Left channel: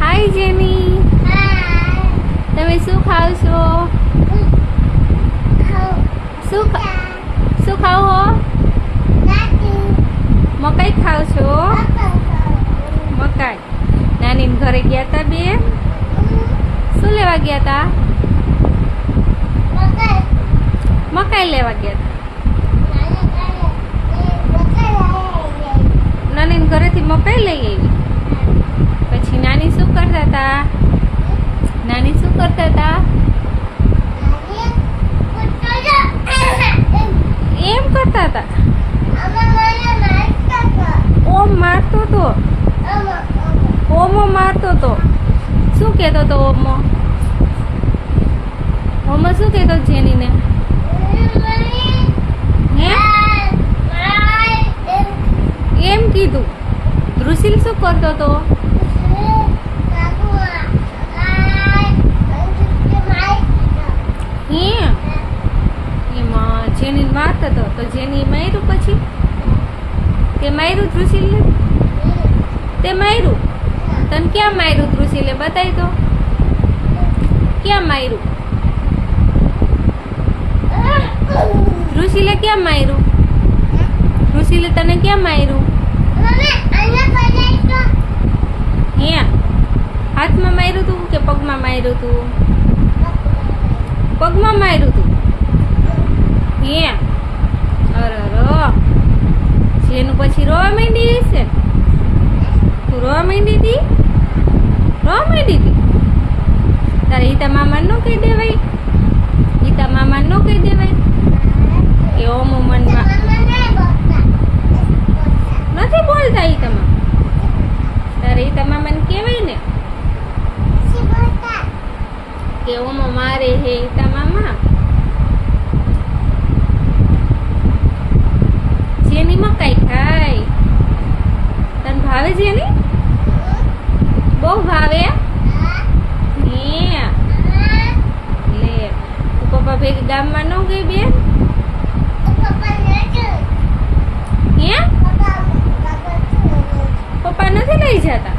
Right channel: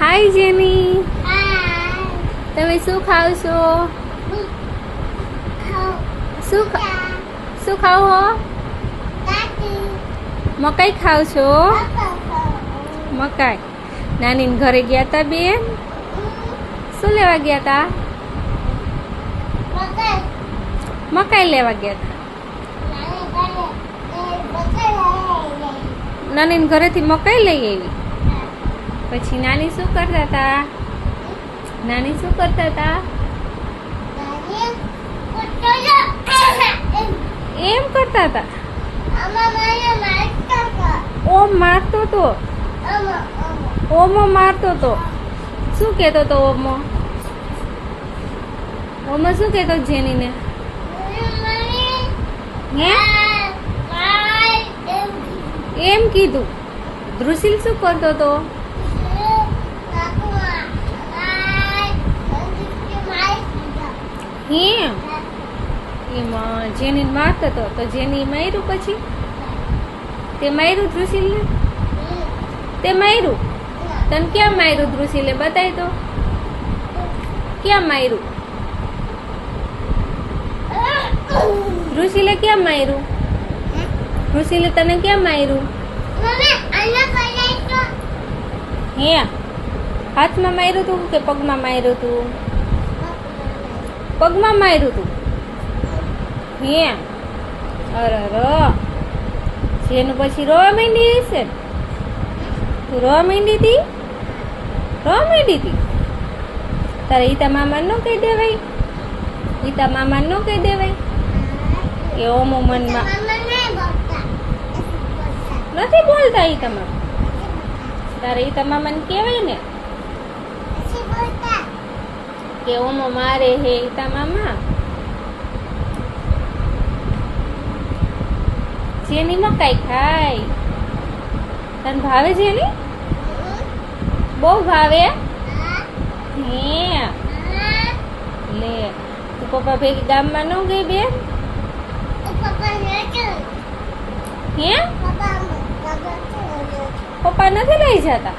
હાય જેની, હાય. તમે શું ખાવ છો? શું ખાવ હો? મકાઈ ખાવ છો? મકાઈ. નાની ઘરે ગયા તા બેન? શું લેવા ગયા તા? મકાઈ લેવા ગયા તા. નાની ઘરેથી મકાઈ લઈ આવી. પછી નાની શું કરતા હતા? નાની શું કરતા હતા? એમ કરતા હતા. ઓમ મારતો તો. ઓમો મારતો તો. શું કહેતો તો ઓમો? ઓમો શું કહેતો જેનીને? હે એમ કીધું. ધ્રુશીલ શું કરતો તો? હે એમાં જેની મારતો હતો તો જેની માર્યું. પછી તે માર્યું ધ્રુશીલને? તે માર્યું? તને ક્યાં માર્યું ધ્રુશીલે? બતાય તો ક્યાં માર્યું? ધ્રુશીલે ક્યાં માર્યું? ધ્રુશીલે તને ક્યાં માર્યું? હે હાથમાં માર્યું તું કે પગમાં માર્યું તું? પગમાં માર્યું તું. હે અરે જેનું પછી રોવા માંડી હશે. તું રોવા માંડી હતી? રોવા માંડી હતી? તારે ઈતા મામા ન કહી દેવાય? ઈતા મામા ન કહી દેવાય કે ઓમો મનમાં નથી બોલતા? ઈતા મામા તારે ઈતા મામાને કહેવાય ને કે ઓમો મારે હે ઈતા મામા. જેની મકાઈ ખાય. તને ભાવે જેની? બહુ ભાવે? હે લે તું પપ્પા ભેગી ગામમાં ન ગઈ બેન? હે પપ્પા નથી લઈ જતા?